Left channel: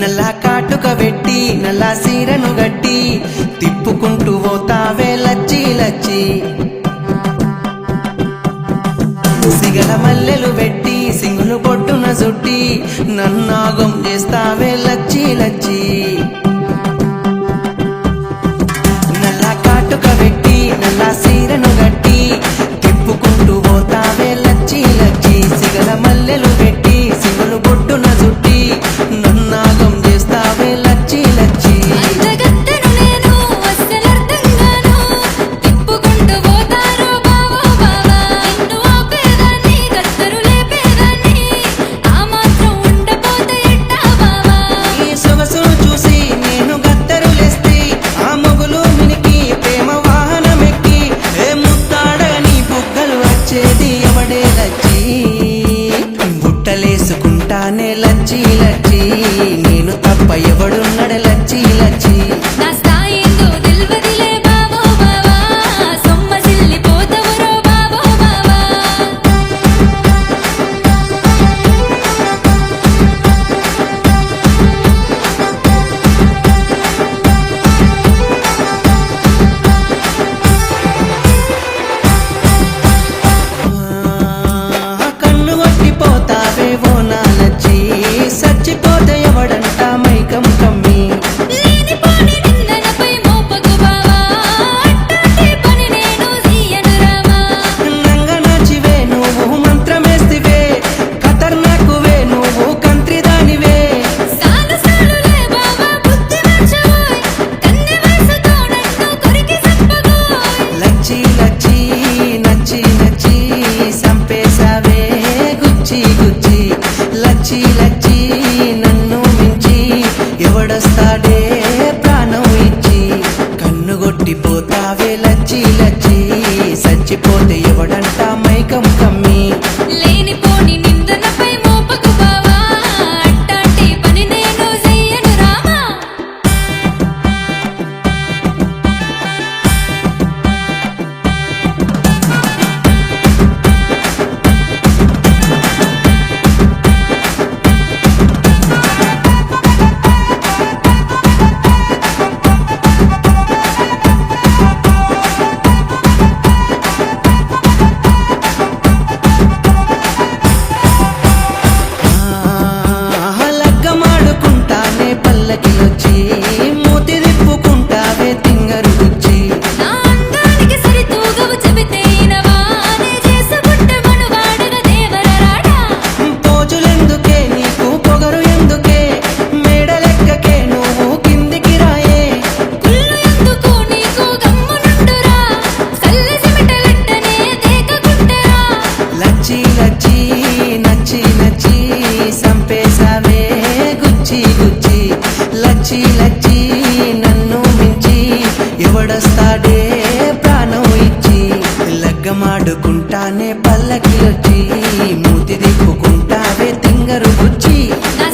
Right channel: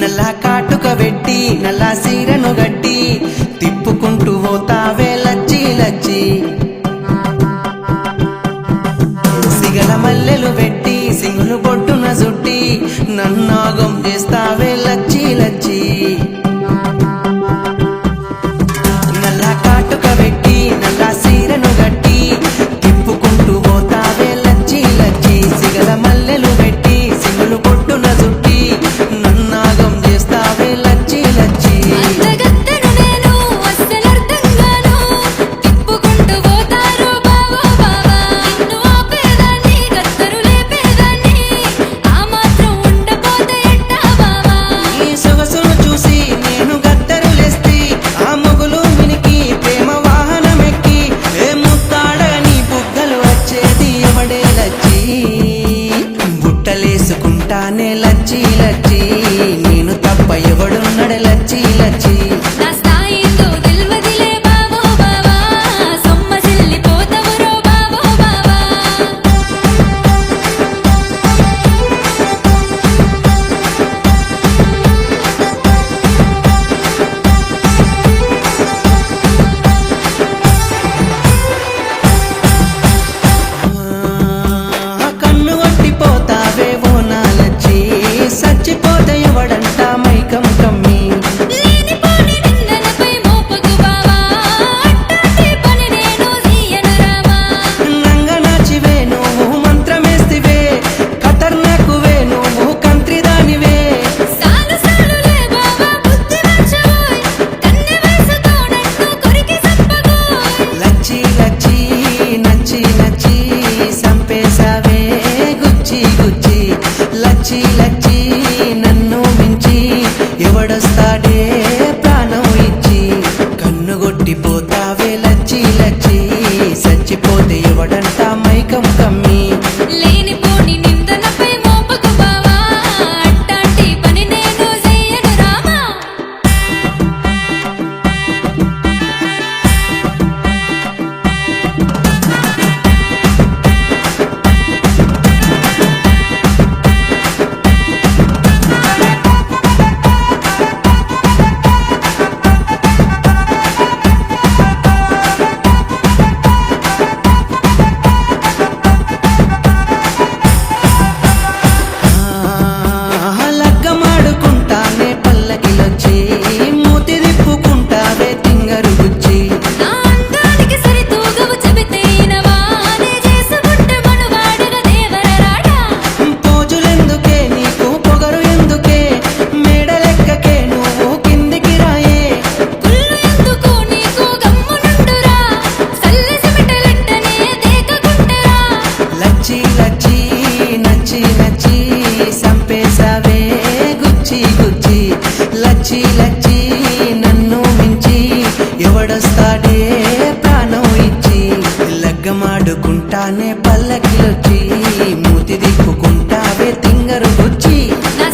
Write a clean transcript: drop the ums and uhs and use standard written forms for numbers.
నల్ల కాటుక వెట్టి నల్ల సీరను గట్టి తిప్పుకుంటూ పోతావే లచ్చి లచ్చి సిగల మల్లెలు వెట్టి సింగులు పొట్టున జుట్టి నన్నాగం చేస్తావే లచ్చి లచ్చి నల్ల కాటుక వెట్టి నల్ల సీరను గట్టి తిప్పుకుంటూ పోతావే లచ్చి లచ్చి సిగల మల్లెలు వెట్టి సింగులు పొట్టున జుట్టి నన్నాగం చేస్తావే లచ్చి లచ్చి అందగత్తెను నేను అస్సలర్థంగాను తిప్పుకుంటూ పోతారు బావో బావా నిన్ను ఆపేదాన్ని గత్తరు లేపేదాన్ని ఆ మాత్రం ఉండపోతే ఎట్టా బావా ఈ సొగసును చూసి నేను గత్తరులేస్తి ఆ మొగులు మినికి ప్రేమ వాహనమెక్కి ఏ ముత్తాడని బుగ్గలు వచ్చేది ఎవడే లచ్చి బుట్టలేసుకుంటానే లచ్చి లచ్చి నేను తప్ప ఎవడున్నడే లచ్చి లచ్చి నా స్థాయిందో దిల్వదిలే బావో బావా సొమ్మసిల్లిపోతవురో బావో బావా కన్ను కొట్టిపోతావే ఓ నాలచ్చి సచ్చిపోతే ఎవడంట మైకం కమ్మి లేనిపోని నిందనపై మోపకు బావా అట్టాటి పని నేను చెయ్యను రామా నంగ నాచివే నువ్వు మంత్రమేస్తివే ఖతర్నాకువే నువ్వు కంత్రిదానివే సాలు సాలులే బావా బుద్ధి మార్చబోయ్ కన్నె వయసుతో నన్ను కొరికి సంపగోయ్ లచ్చి లచ్చి నచ్చి నచ్చి సంపేశావే గుచ్చి గుచ్చి లచ్చి లచ్చి నన్ను మించి ఎవడొస్తాడే ప్రాణం ఇచ్చి కన్ను కొట్టిపోతావే లచ్చి లచ్చి సచ్చిపోతే ఎవడంట మైకం కమ్మి లేనిపోని నిందనపై మోపకు బావా అట్టాంటి పని నేను చెయ్యను రామా లగ్గమాడుకుంటానే పల్లకిలొచ్చి మూతి తిప్పుకుంటావే తింగరు గుచ్చి నా అందానికి సరితూగవు చెబితే ఇనవానే చేసుకుంటే మనువాడగా దేవర రాడా పోజులెందుకే నీకు పొగరు ఎందుకే మేడలెక్కకే నువ్వు కిందికి రాయే కుళ్ళు ఎందుకు నీకు గమ్మునుండురా సల్లి సిమిటలెట్టనే దేకకుంటరా లచ్చి లచ్చి నచ్చి నచ్చి సంపేశావే గుచ్చి గుచ్చి లచ్చి లచ్చి నన్ను మించి ఎవడొస్తాడే ప్రాణం ఇచ్చి లగ్గమాడుకుంటానే పల్లకిలొచ్చి మూతి తిప్పుకుంటావే తింగరు బుచ్చి నా